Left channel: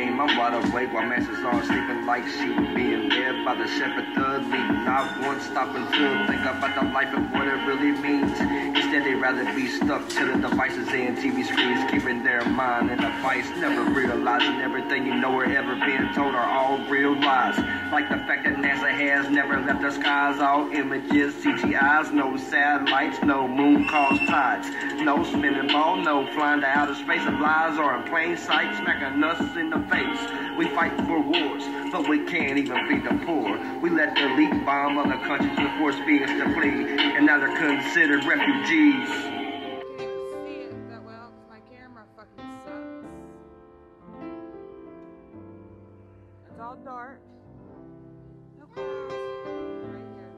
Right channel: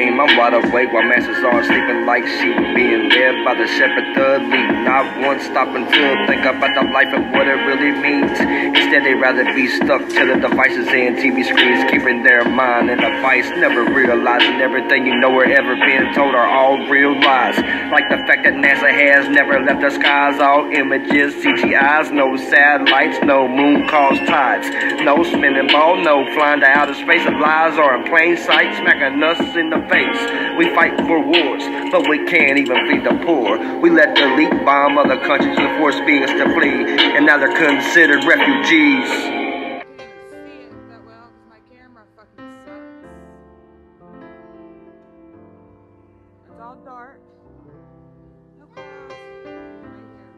dream. I'm wide awake while masses are sleeping like sheep, being led by the shepherd, the lead. Not once stopping to think about the life and what it really means. Instead, they'd rather be stuck to the devices and TV screens, keeping their mind in a vice, never realizing everything you know or ever been told are all real lies. Like the fact that NASA has never left the skies, all images, CGIs, no satellites, no moon caused tides, no spinning ball, no flying to outer space. Of lies are in plain sight, smacking us in the face. We fight for wars, but we can't even feed the poor. We let the elite bomb other countries and force beings to flee, and now they're considered refugees. I can't even see it that well because my camera fucking sucks. It's all dark. No clouds. Right here.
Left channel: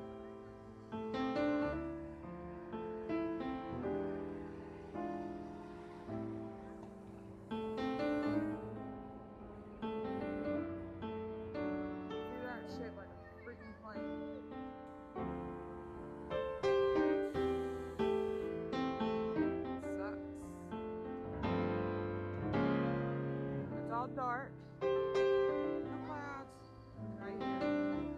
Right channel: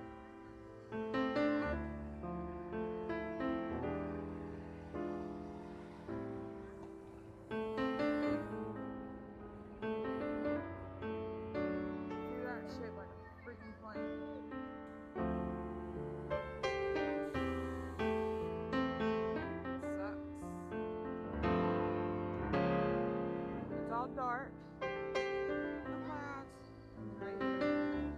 See that shit like a freaking plane. Sucks. It's all dark. No clouds. Right here. See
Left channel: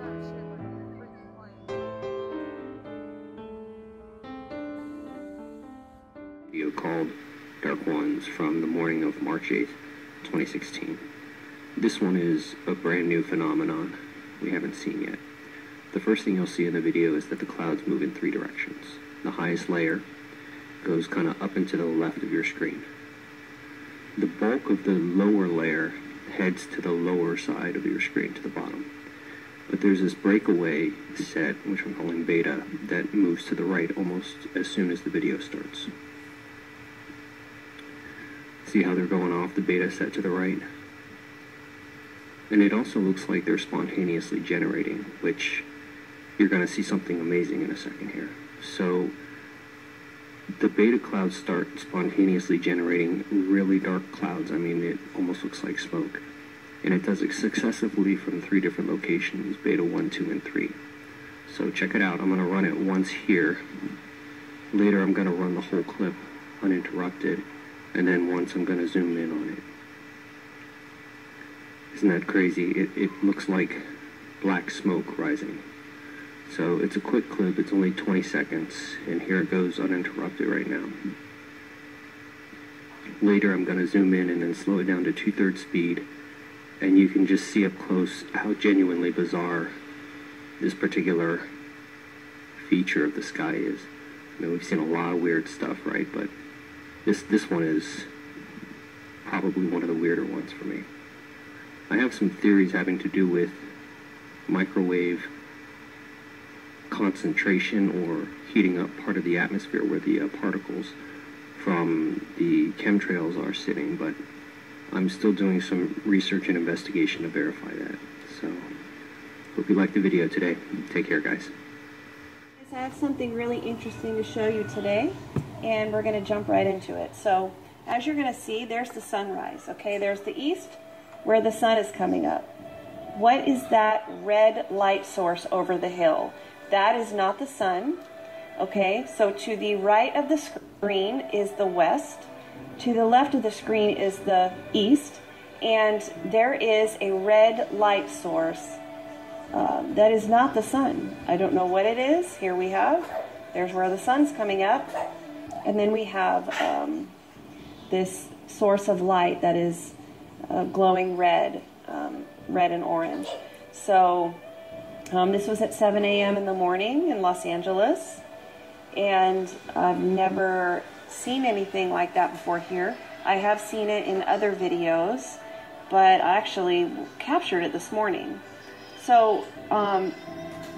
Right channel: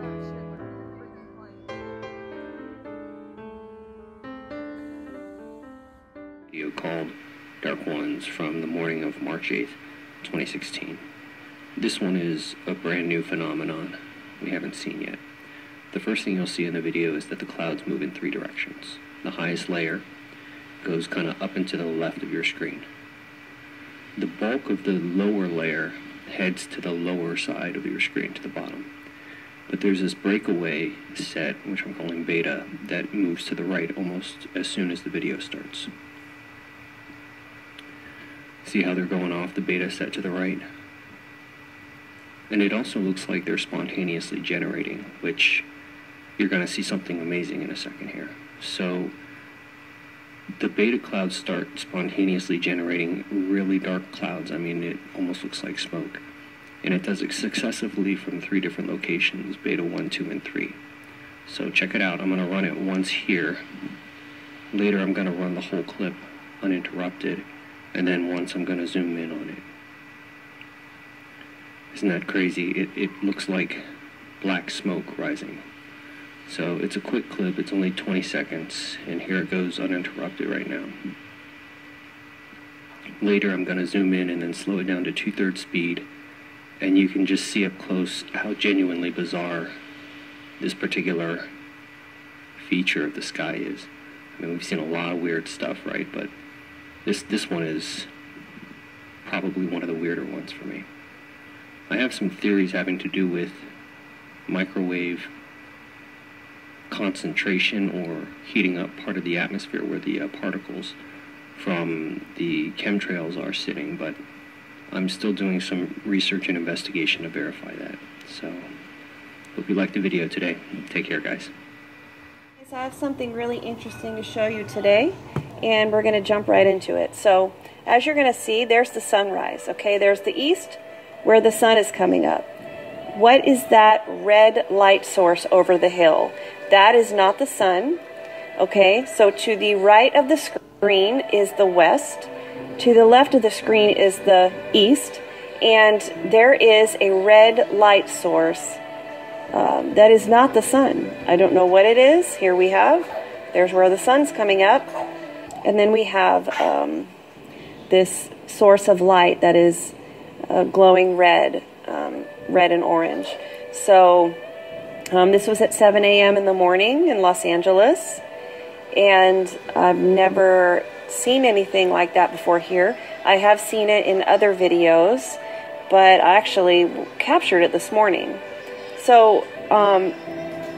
that shit like a freaking plane. Video called Dark Ones from the morning of March 8th, 2016. This one is a brand new phenomenon we haven't seen yet. The first thing you'll see in the video is that the clouds move in 3 directions. The highest layer goes kind of up and to the left of your screen. The bulk of the lower layer heads to the lower side of your screen, to the bottom. But there's this breakaway set, which I'm calling beta, that moves to the right almost as soon as the video starts. See how they're going off the beta set to the right? And it also looks like they're spontaneously generating, which you're going to see something amazing in a second here. So the beta clouds start spontaneously generating really dark clouds. I mean, it almost looks like smoke. And it does it successively from 3 different locations, beta 1, 2, and 3. So check it out. I'm going to run it once here. Later I'm going to run the whole clip uninterrupted. And then once I'm going to zoom in on it. Isn't that crazy? It looks like black smoke rising. So it's a quick clip. It's only 20 seconds. And here it goes uninterrupted right now. Later I'm going to zoom in and then slow it down to 2/3 speed. And you can just see up close how genuinely bizarre this particular feature of the sky is. I mean, we've seen a lot of weird stuff, right? But this one is probably one of the weirder ones for me. I have some theories having to do with microwave concentration or heating up part of the atmosphere where the particles from the chemtrails are sitting, but I'm still doing some research and investigation to verify that. So, hope you liked the video today. Take care, guys. I have something really interesting to show you today, and we're going to jump right into it. So, as you're going to see, there's the sunrise, okay? There's the east, where the sun is coming up. What is that red light source over the hill? That is not the sun, okay? So, to the right of the screen is the west. To the left of the screen is the east, and there is a red light source that is not the sun. I don't know what it is. Here we have, there's where the sun's coming up, and then we have this source of light that is glowing red, red and orange. So this was at 7 a.m. in the morning in Los Angeles, and I've never seen anything like that before here. I have seen it in other videos, but I actually captured it this morning. So,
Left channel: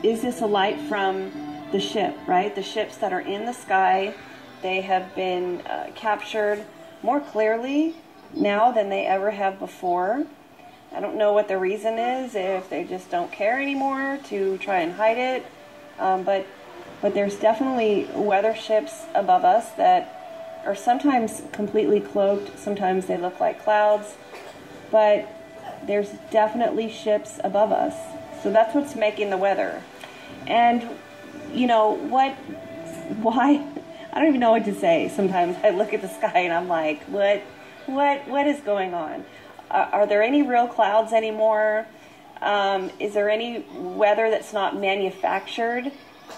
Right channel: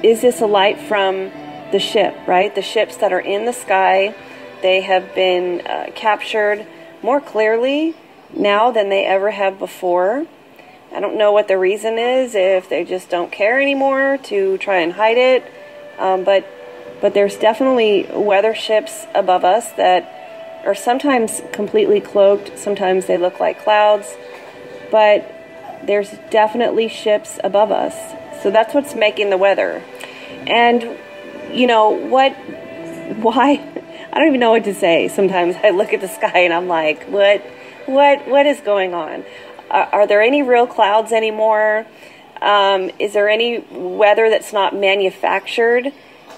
is this a light from the ship, right? The ships that are in the sky, they have been captured more clearly now than they ever have before. I don't know what the reason is, if they just don't care anymore to try and hide it, but there's definitely weather ships above us that are sometimes completely cloaked, sometimes they look like clouds, but there's definitely ships above us. So that's what's making the weather. And you know what, why, I don't even know what to say. Sometimes I look at the sky and I'm like, what is going on? Are there any real clouds anymore? Is there any weather that's not manufactured?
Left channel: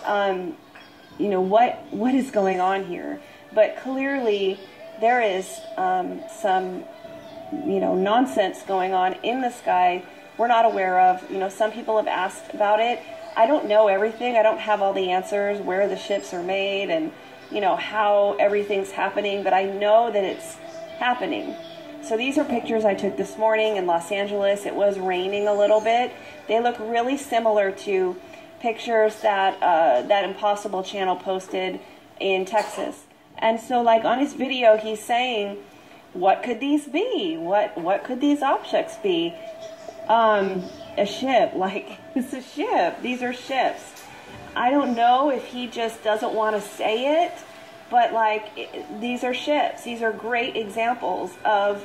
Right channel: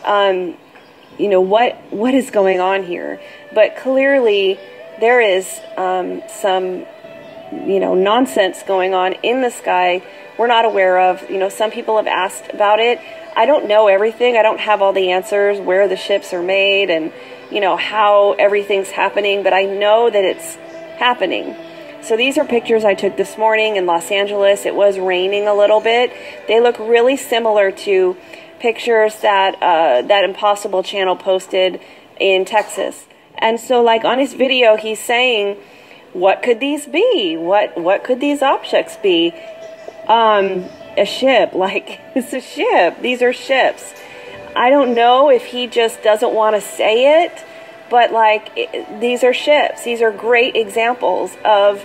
You know, what is going on here? But clearly there is some, you know, nonsense going on in the sky we're not aware of. You know, some people have asked about it. I don't know everything. I don't have all the answers, where the ships are made and, you know, how everything's happening, but I know that it's happening. So these are pictures I took this morning in Los Angeles. It was raining a little bit. They look really similar to pictures that that Impossible Channel posted in Texas. And so, like, on his video, he's saying, what could these be? What could these objects be? A ship, like, it's a ship. These are ships. I don't know if he just doesn't want to say it, but like, these are ships. These are great examples of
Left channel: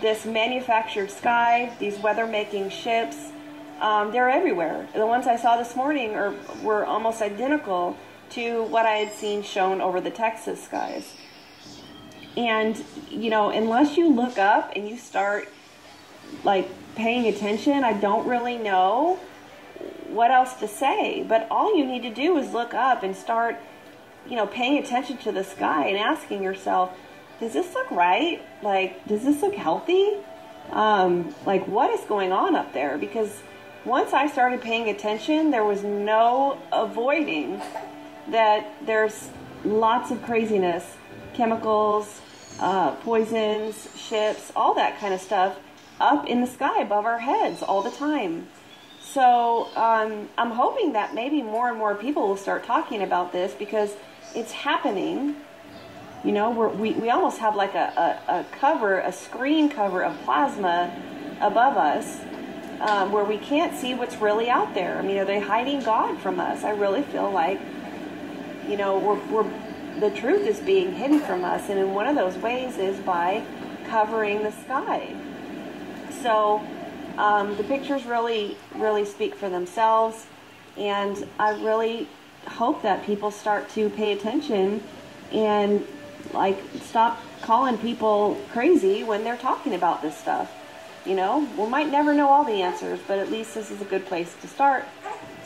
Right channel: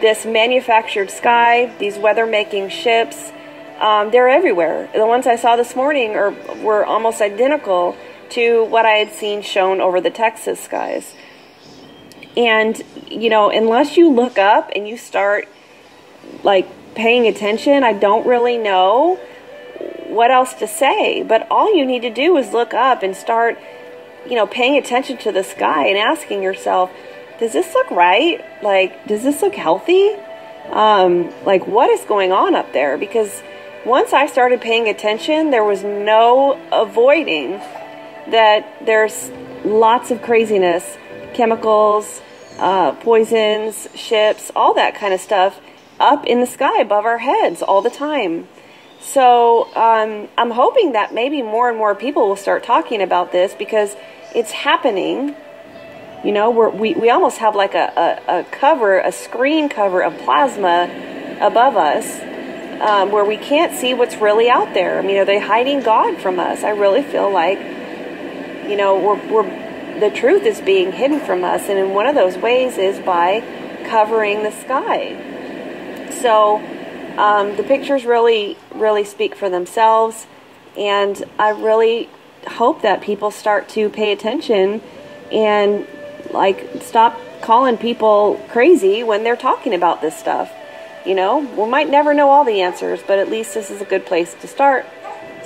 this manufactured sky, these weather-making ships. They're everywhere. The ones I saw this morning were almost identical to what I had seen shown over the Texas skies. And, you know, unless you look up and you start, like, paying attention, I don't really know what else to say. But all you need to do is look up and start, you know, paying attention to the sky and asking yourself, does this look right? Like, does this look healthy? Like, what is going on up there? Because once I started paying attention, there was no avoiding that there's lots of craziness, chemicals, poisons, ships, all that kind of stuff up in the sky above our heads all the time. So I'm hoping that maybe more and more people will start talking about this, because it's happening. You know, we almost have like a screen cover of plasma above us, where we can't see what's really out there. I mean, are they hiding God from us? I really feel like, you know, the truth is being hidden from us, and in one of those ways is by covering the sky. So the pictures really speak for themselves, and I really hope that people start to pay attention and, like, stop calling people crazy when they're talking about this stuff. You know, we might never know all the answers, but at least this is a good place to start.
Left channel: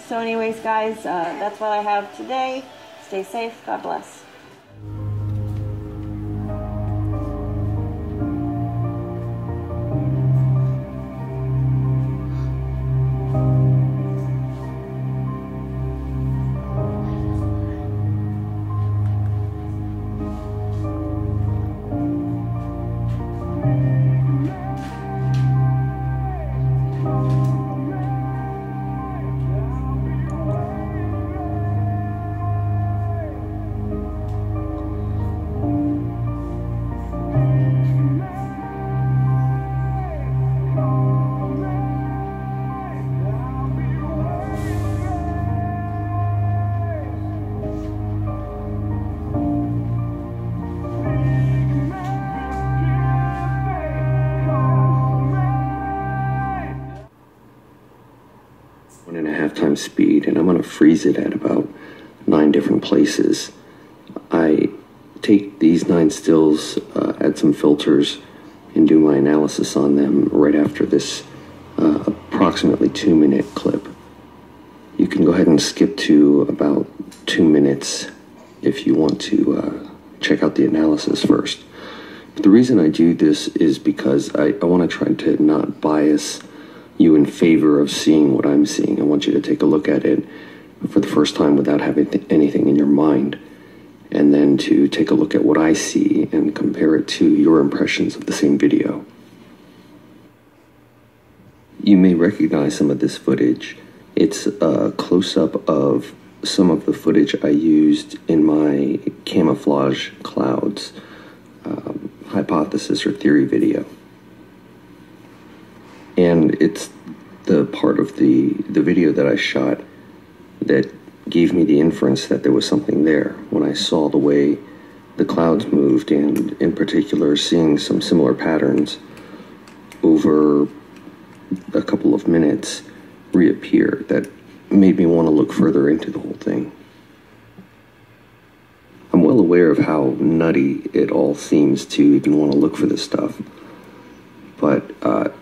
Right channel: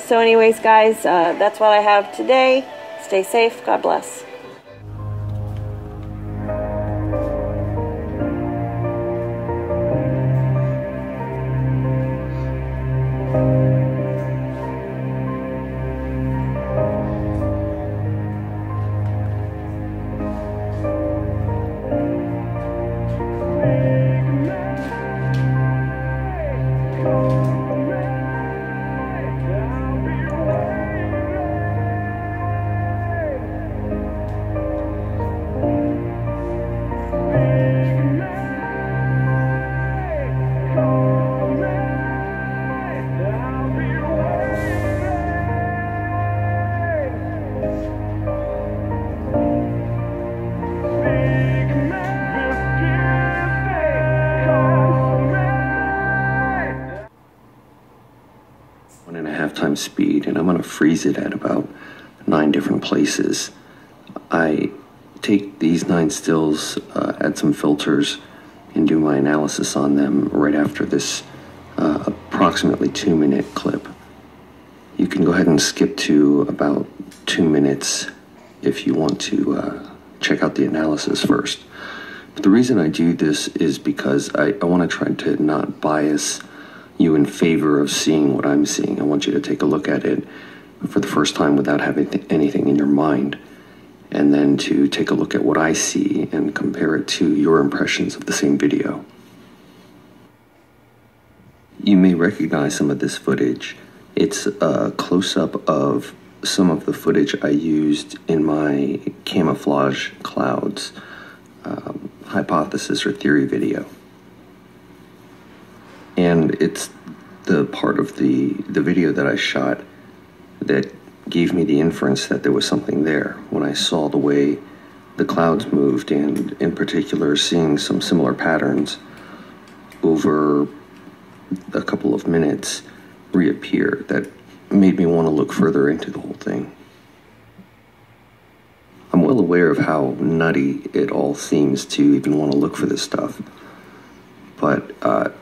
So anyways, guys, that's what I have today. Stay safe. God bless. Times speed, and I'm going to freeze it at about 9 different places. I take these 9 stills, add some filters, and do my analysis on them right after this approximately 2-minute clip. You can go ahead and skip to about 2 minutes if you want to check out the analysis first. But the reason I do this is because I want to try to not bias you in favor of seeing what I'm seeing. I want you to take a look at it for the first time without having anything in your mind, and then to take a look at what I see and compare it to your impressions of the same video. You may recognize some of this footage. It's a close-up of some of the footage I used in my camouflage clouds hypothesis or theory video. And it's the part of the video that I shot that gave me the inference that there was something there when I saw the way the clouds moved, and in particular seeing some similar patterns over a couple of minutes reappear that made me want to look further into the whole thing. I'm well aware of how nutty it all seems to even want to look for this stuff, but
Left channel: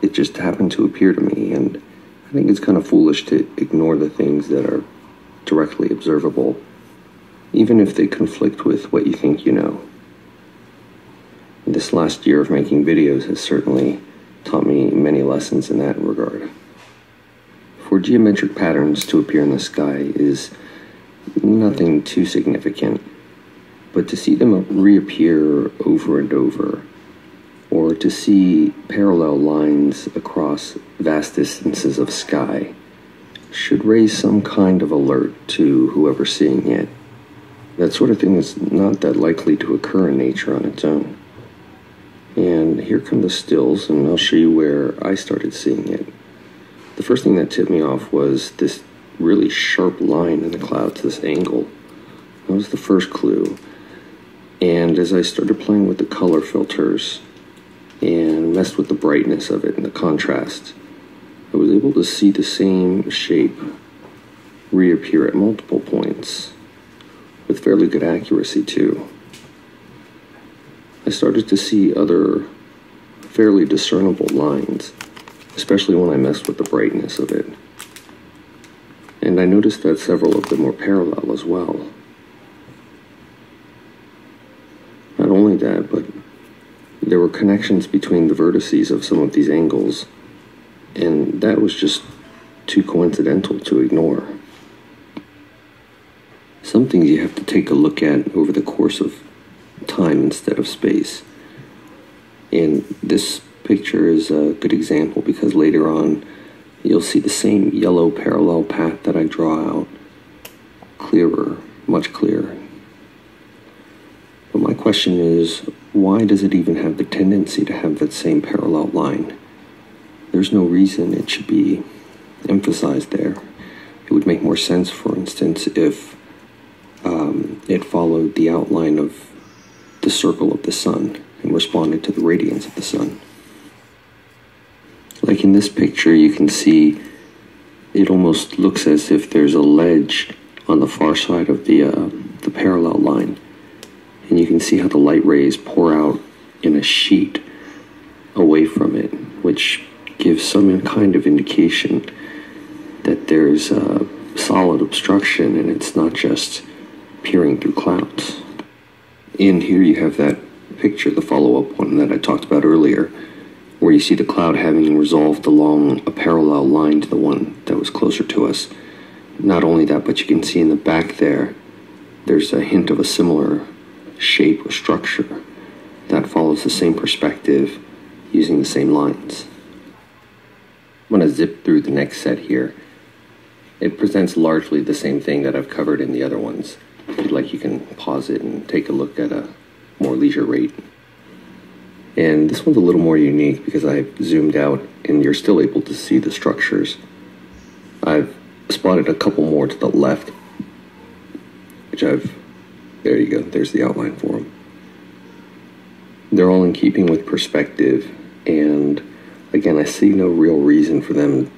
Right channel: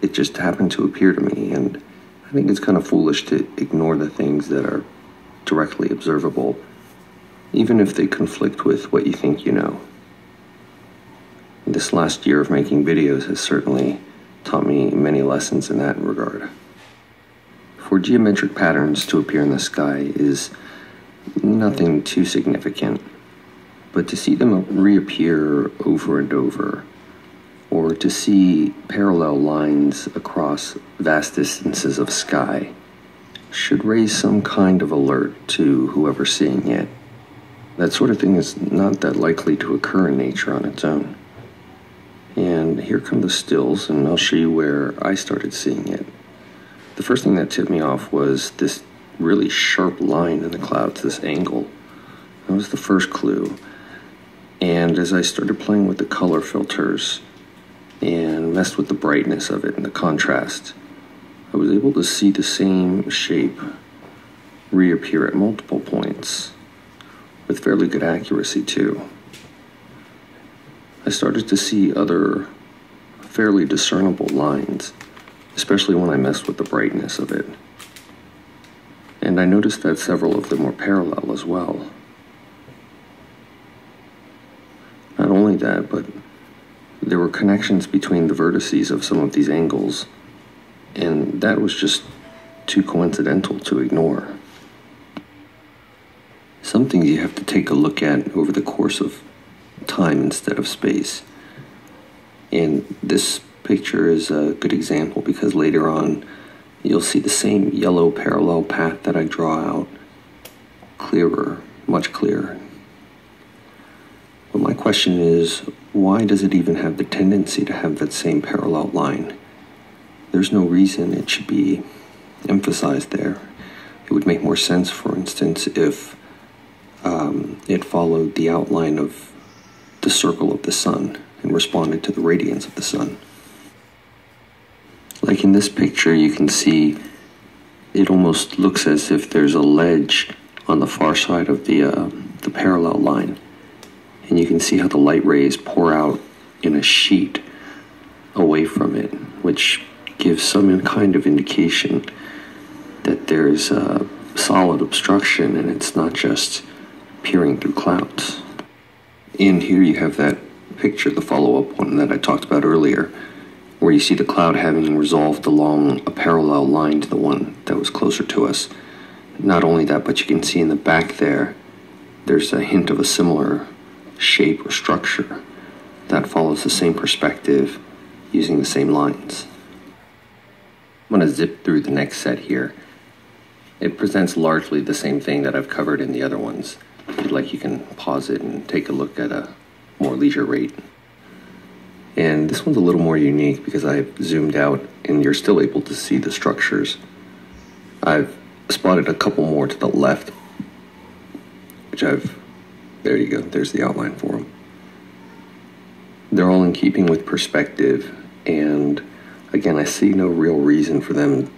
it just happened to appear to me, and I think it's kind of foolish to ignore the things that are directly observable, even if they conflict with what you think you know. This last year of making videos has certainly taught me many lessons in that regard. For geometric patterns to appear in the sky is nothing too significant, but to see them reappear over and over, or to see parallel lines across vast distances of sky, should raise some kind of alert to whoever's seeing it. That sort of thing is not that likely to occur in nature on its own. And here come the stills, and I'll show you where I started seeing it. The first thing that tipped me off was this really sharp line in the clouds, this angle. That was the first clue. And as I started playing with the color filters and messed with the brightness of it and the contrast, I was able to see the same shape reappear at multiple points with fairly good accuracy too. I started to see other fairly discernible lines, especially when I messed with the brightness of it. And I noticed that several of them were parallel as well. Not only that, but there were connections between the vertices of some of these angles, and that was just too coincidental to ignore. Some things you have to take a look at over the course of time instead of space. And this picture is a good example because later on you'll see the same yellow parallel path that I draw out clearer, much clearer. But my question is, why does it even have the tendency to have that same parallel line? There's no reason it should be emphasized there. It would make more sense, for instance, if it followed the outline of the circle of the sun and responded to the radiance of the sun. Like in this picture, you can see it almost looks as if there's a ledge on the far side of the parallel line. And you can see how the light rays pour out in a sheet away from it, which gives some kind of indication that there's a solid obstruction and it's not just peering through clouds. And here you have that picture, the follow-up one that I talked about earlier, where you see the cloud having resolved along a parallel line to the one that was closer to us. Not only that, but you can see in the back there's a hint of a similar shape or structure that follows the same perspective using the same lines. I'm going to zip through the next set here. It presents largely the same thing that I've covered in the other ones. If you'd like, you can pause it and take a look at a more leisure rate. And this one's a little more unique because I've zoomed out and you're still able to see the structures. I've spotted a couple more to the left, there you go, there's the outline for them. They're all in keeping with perspective, and again, I see no real reason for them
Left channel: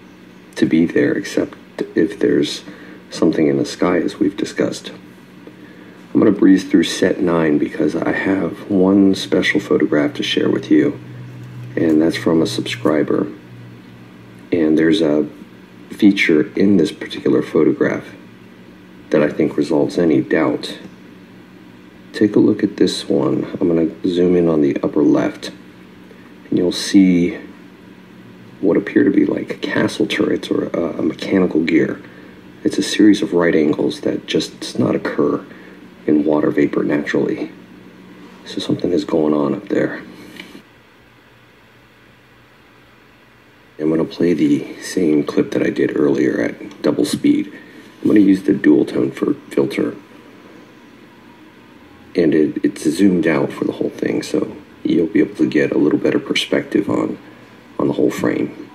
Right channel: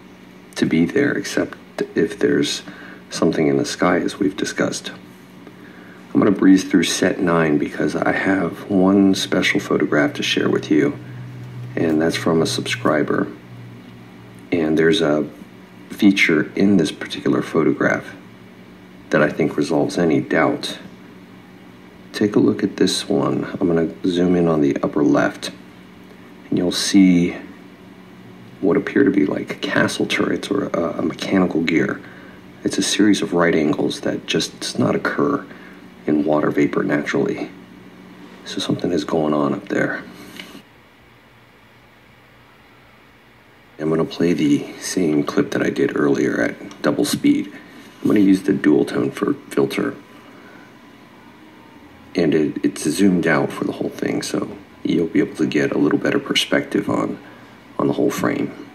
to be there except if there's something in the sky, as we've discussed. I'm going to breeze through set 9 because I have one special photograph to share with you, and that's from a subscriber. And there's a feature in this particular photograph that I think resolves any doubt. Take a look at this one. I'm going to zoom in on the upper left, and you'll see what appear to be like castle turrets or a mechanical gear. It's a series of right angles that just does not occur in water vapor naturally. So something is going on up there. I'm going to play the same clip that I did earlier at double speed. I'm going to use the dual tone filter. And it's zoomed out for the whole thing, so you'll be able to get a little better perspective on the whole frame.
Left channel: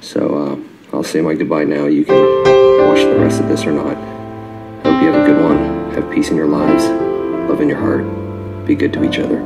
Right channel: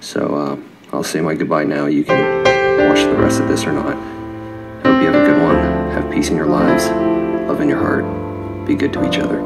So I'll say my goodbye now. You can watch the rest of this or not. Hope you have a good one. Have peace in your lives, love in your heart. Be good to each other.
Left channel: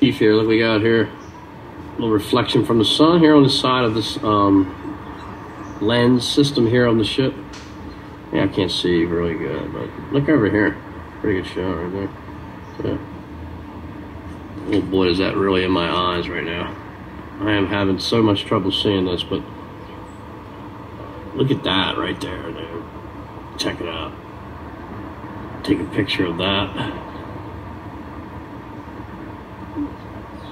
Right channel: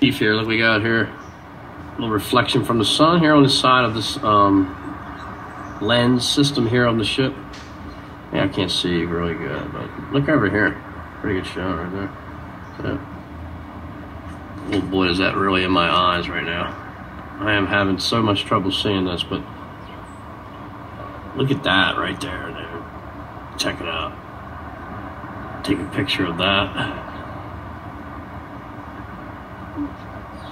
Beef here, look what we got here. A little reflection from the sun here on the side of this lens system here on the ship. Yeah, I can't see really good, but look over here. Pretty good shot right there. Oh boy, is that really in my eyes right now. I am having so much trouble seeing this, but look at that right there, dude. Check it out. Take a picture of that.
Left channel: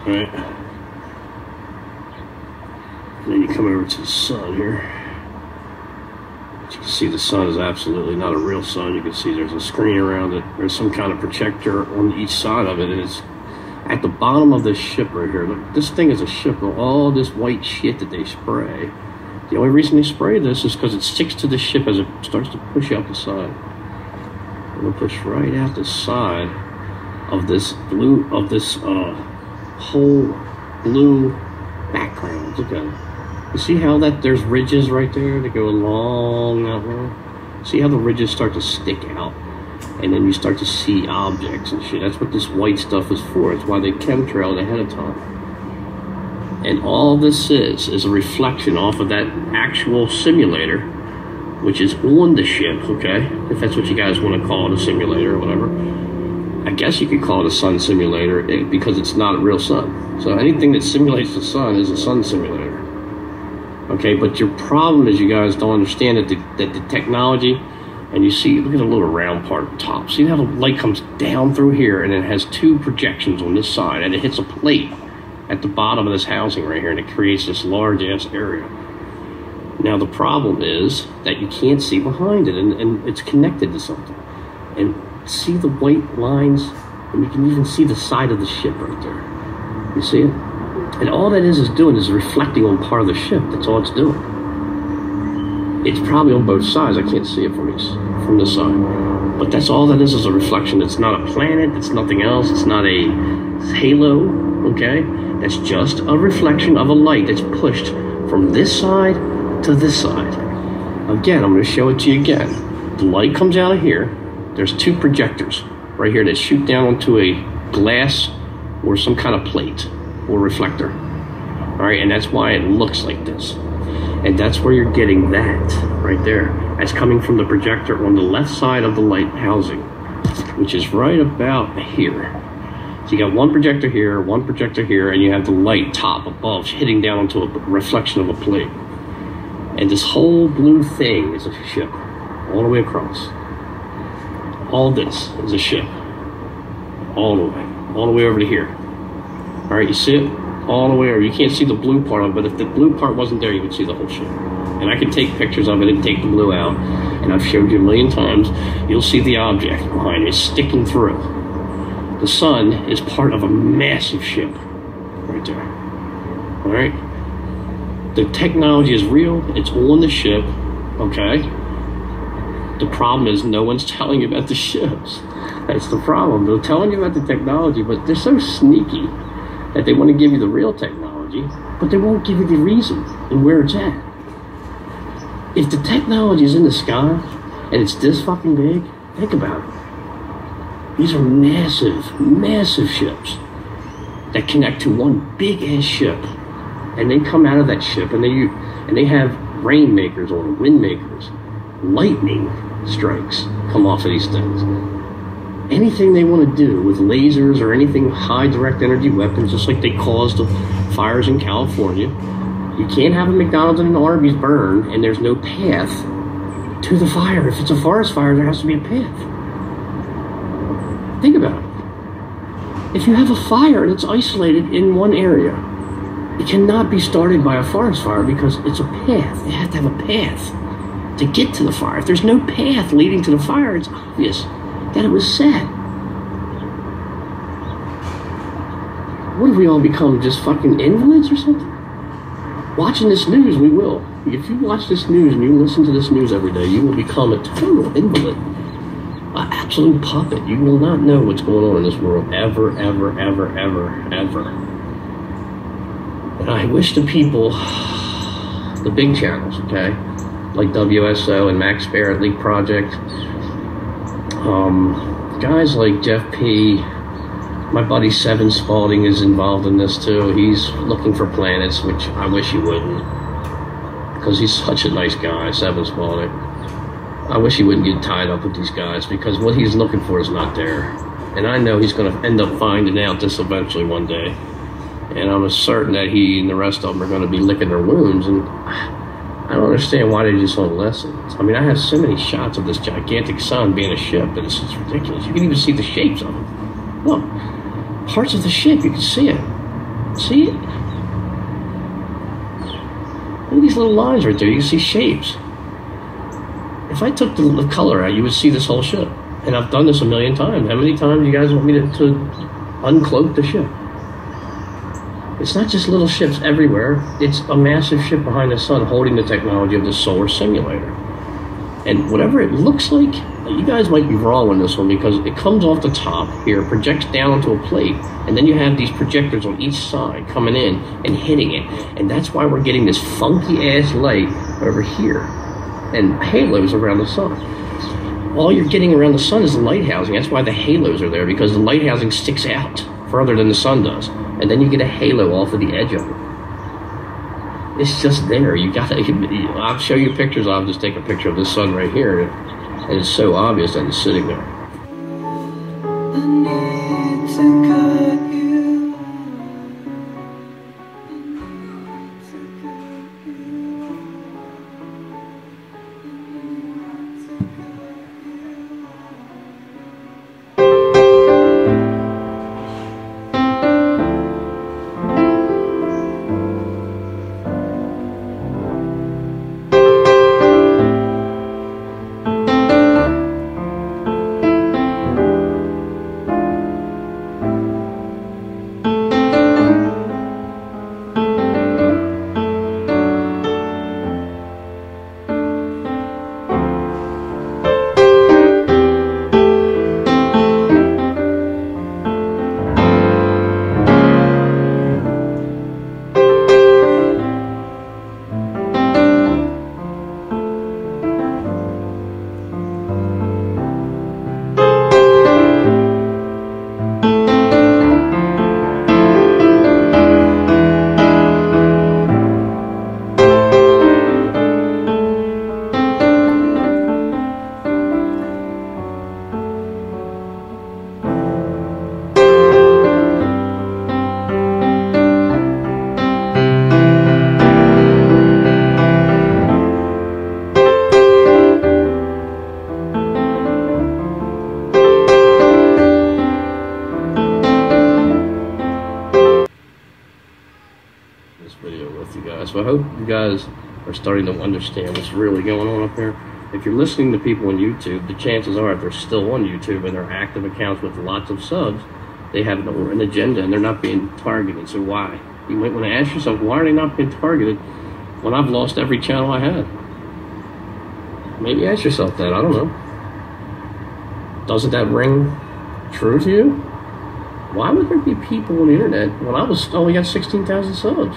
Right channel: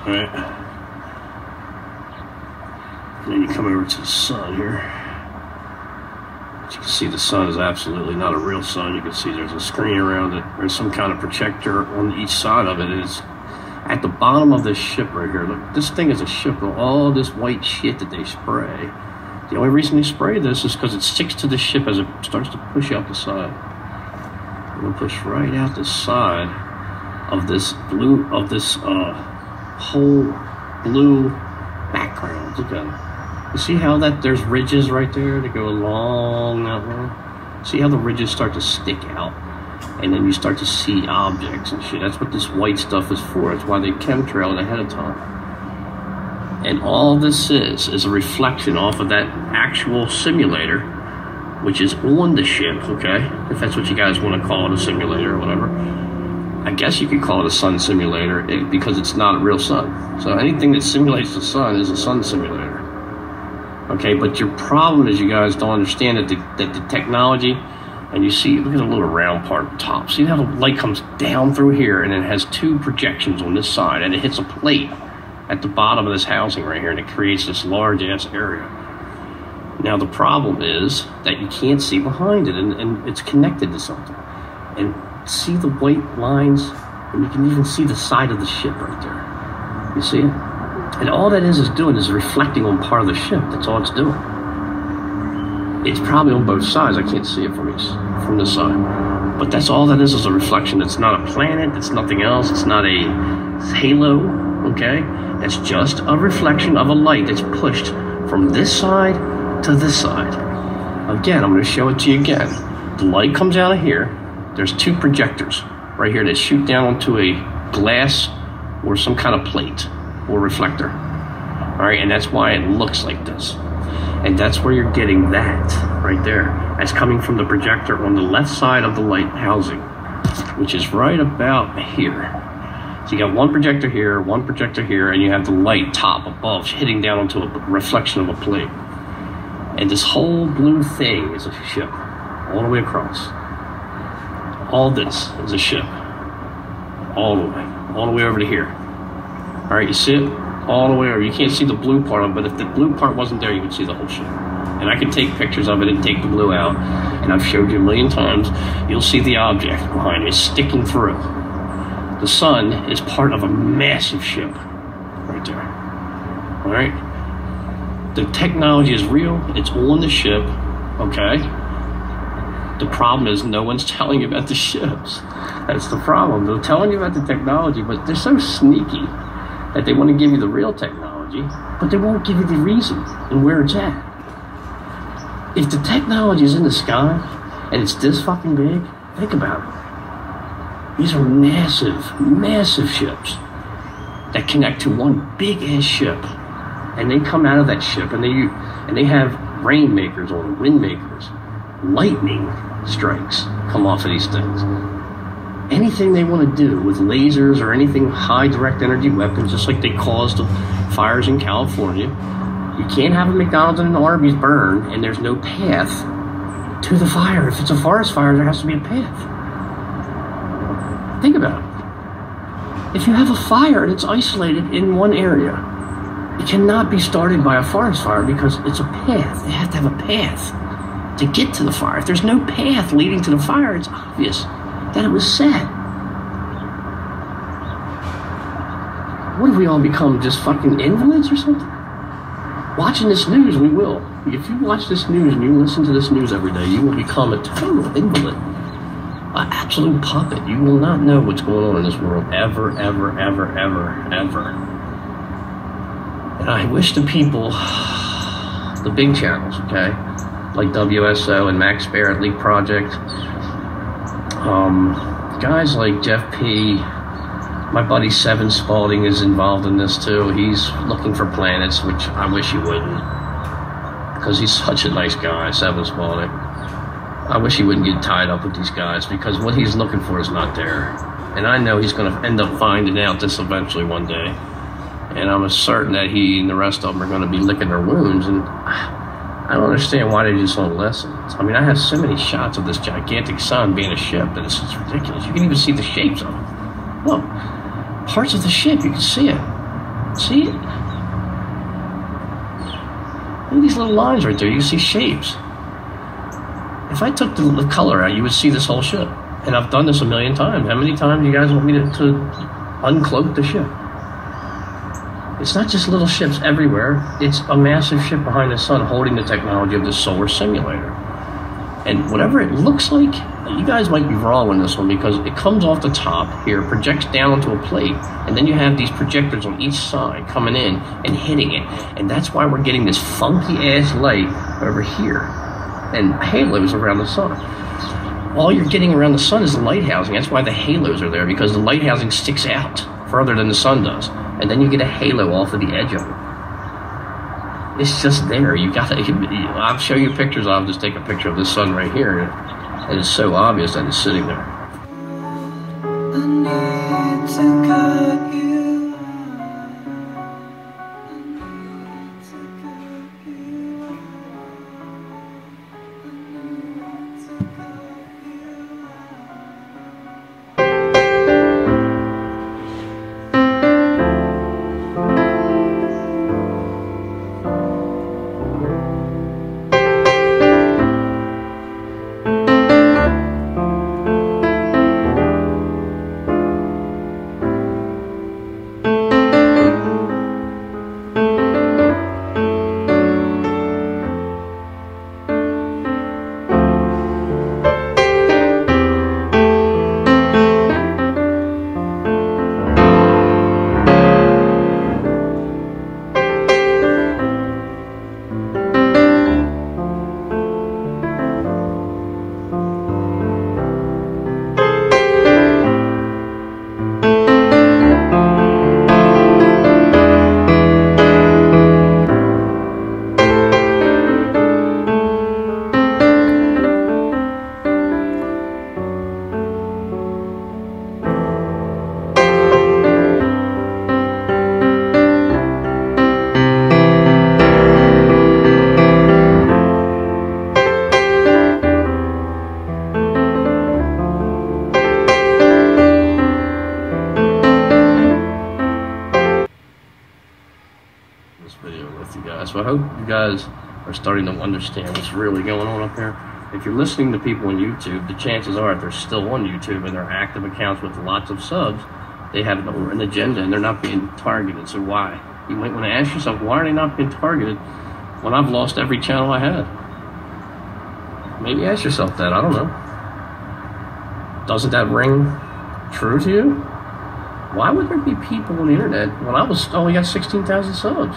All right. Then you come over to the sun here. As you can see, the sun is absolutely not a real sun. You can see there's a screen around it. There's some kind of projector on each side of it, and it's at the bottom of this ship right here. Look, this thing is a ship of all this white shit that they spray. The only reason they spray this is because it sticks to the ship as it starts to push out the side. It'll push right out the side of this blue, whole blue background. Look at it. You see how that there's ridges right there to go along that way? See how the ridges start to stick out? And then you start to see objects and shit. That's what this white stuff is for. It's why they chemtrail it ahead of time. And all this is a reflection off of that actual simulator, which is on the ship, okay? If that's what you guys want to call it, a simulator or whatever. I guess you could call it a sun simulator because it's not a real sun. So anything that simulates the sun is a sun simulator. Okay, but your problem is you guys don't understand that the technology, and you see, look at the little round part at the top. See how the light comes down through here and it has two projections on this side and it hits a plate at the bottom of this housing right here and it creates this large ass area. Now the problem is that you can't see behind it and it's connected to something. And see the white lines, and you can even see the side of the ship right there. You see it? And all that is doing is reflecting on part of the ship. That's all it's doing. It's probably on both sides. I can't see it from this side. But that's all that is a reflection. It's not a planet. It's nothing else. It's not a halo, okay? It's just a reflection of a light that's pushed from this side to this side. Again, I'm going to show it to you again. The light comes out of here. There's two projectors right here that shoot down onto a glass or some kind of plate or reflector. All right, and that's why it looks like this. And that's where you're getting that right there. That's coming from the projector on the left side of the light housing, which is right about here. So you got one projector here, and you have the light top above hitting down onto a reflection of a plate. And this whole blue thing is a ship all the way across. All this is a ship. All the way over to here. All right, you see it? All the way over. You can't see the blue part of it, but if the blue part wasn't there, you could see the whole ship. And I can take pictures of it and take the blue out. And I've showed you a million times. You'll see the object behind it sticking through. The sun is part of a massive ship right there. All right? The technology is real. It's on the ship, okay? The problem is no one's telling you about the ships. That's the problem. They're telling you about the technology, but they're so sneaky that they want to give you the real technology, but they won't give you the reason and where it's at. If the technology is in the sky and it's this fucking big, think about it. These are massive, massive ships that connect to one big ass ship, and they come out of that ship and they have rainmakers or wind makers, lightning strikes come off of these things. Anything they want to do with lasers or anything high direct energy weapons, just like they caused the fires in California. You can't have a McDonald's and an Arby's burn and there's no path to the fire. If it's a forest fire, there has to be a path. Think about it. If you have a fire and it's isolated in one area, it cannot be started by a forest fire because it's a path. They have to have a path to get to the fire. If there's no path leading to the fire, it's obvious that it was set. What have we all become, just fucking invalids or something? Watching this news, we will. If you watch this news and you listen to this news every day, you will become a total invalid. An absolute puppet. You will not know what's going on in this world ever, ever, ever, ever, ever. And I wish the people, the big channels, okay, like WSO and Max Barrett Leak Project, guys like Jeff P, My buddy Seven Spalding is involved in this too. He's looking for planets, which I wish he wouldn't, because he's such a nice guy, Seven Spalding. I wish he wouldn't get tied up with these guys, because what he's looking for is not there. And I know he's going to end up finding out this eventually one day. And I'm certain that he and the rest of them are going to be licking their wounds. And I don't understand why they just won't listen. I mean, I have so many shots of this gigantic sun being a ship that it's just ridiculous. You can even see the shapes of it. Look, parts of the ship, you can see it. See it? Look at these little lines right there. You can see shapes. If I took the color out, you would see this whole ship. And I've done this a million times. How many times do you guys want me to uncloak the ship? It's not just little ships everywhere. It's a massive ship behind the sun holding the technology of the solar simulator. And whatever it looks like, you guys might be wrong on this one, because it comes off the top here, projects down onto a plate, and then you have these projectors on each side coming in and hitting it. And that's why we're getting this funky-ass light over here and halos around the sun. All you're getting around the sun is the light housing. That's why the halos are there, because the light housing sticks out further than the sun does. And then you get a halo off of the edge of it. It's just there. You gotta, I'll show you pictures. I'll just take a picture of the sun right here. And it's so obvious that it's sitting there. So I hope you guys are starting to understand what's really going on up there. If you're listening to people on YouTube, the chances are if they're still on YouTube and they're active accounts with lots of subs, they have an agenda and they're not being targeted. So why? You might want to ask yourself, why are they not being targeted when I've lost every channel I had? Maybe ask yourself that. I don't know. Doesn't that ring true to you? Why would there be people on the internet when I only got 16,000 subs?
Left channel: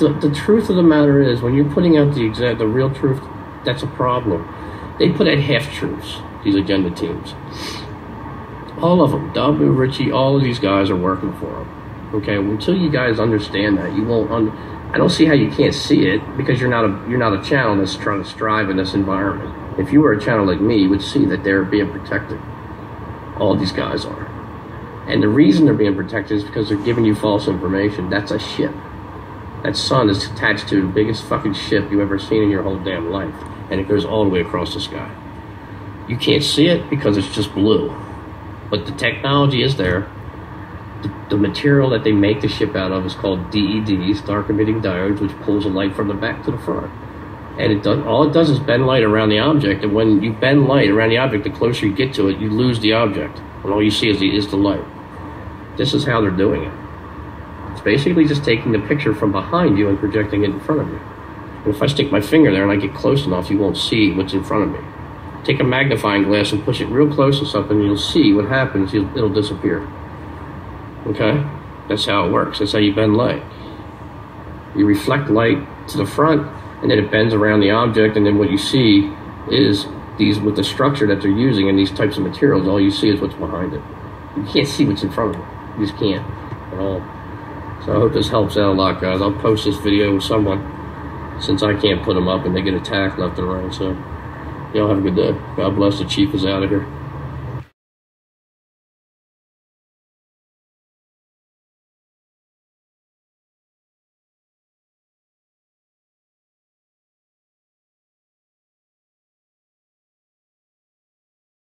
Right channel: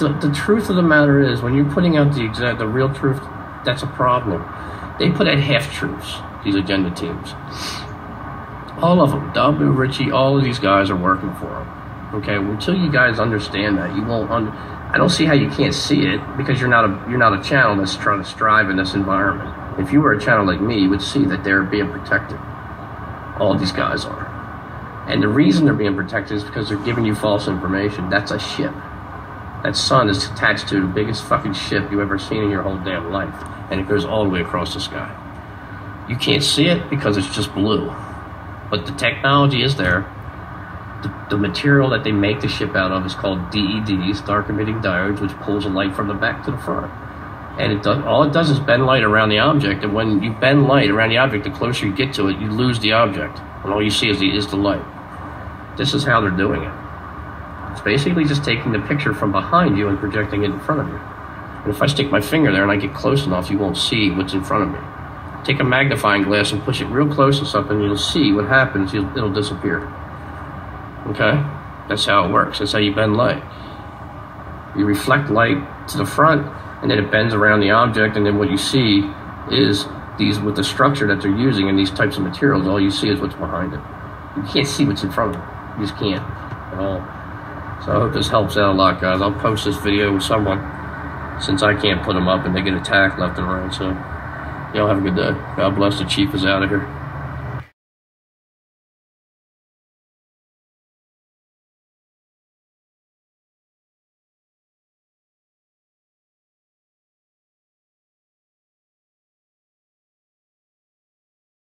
The truth of the matter is, when you're putting out the real truth, that's a problem. They put out half-truths, these agenda teams. All of them, Dabu, Richie, all of these guys are working for them. Okay, until you guys understand that, you won't. I don't see how you can't see it, because you're not a channel that's trying to strive in this environment. If you were a channel like me, you would see that they're being protected. All of these guys are, and the reason they're being protected is because they're giving you false information. That's a ship. That sun is attached to the biggest fucking ship you've ever seen in your whole damn life, and it goes all the way across the sky. You can't see it because it's just blue, but the technology is there. The material that they make the ship out of is called DEDs, dark emitting diodes, which pulls the light from the back to the front. And all it does is bend light around the object, and when you bend light around the object, the closer you get to it, you lose the object, and all you see is the light. This is how they're doing it. It's basically just taking the picture from behind you and projecting it in front of you. And if I stick my finger there and I get close enough, you won't see what's in front of me. Take a magnifying glass and push it real close to something, and you'll see what happens. It'll disappear. Okay? That's how it works. That's how you bend light. You reflect light to the front, and then it bends around the object, and then what you see is with the structure that they're using in these types of materials, all you see is what's behind it. You can't see what's in front of them. You just can't at all. So I hope this helps out a lot, guys. I'll post this video with someone since I can't put them up and they get attacked left and right. So y'all have a good day. God bless. The Chief is out of here.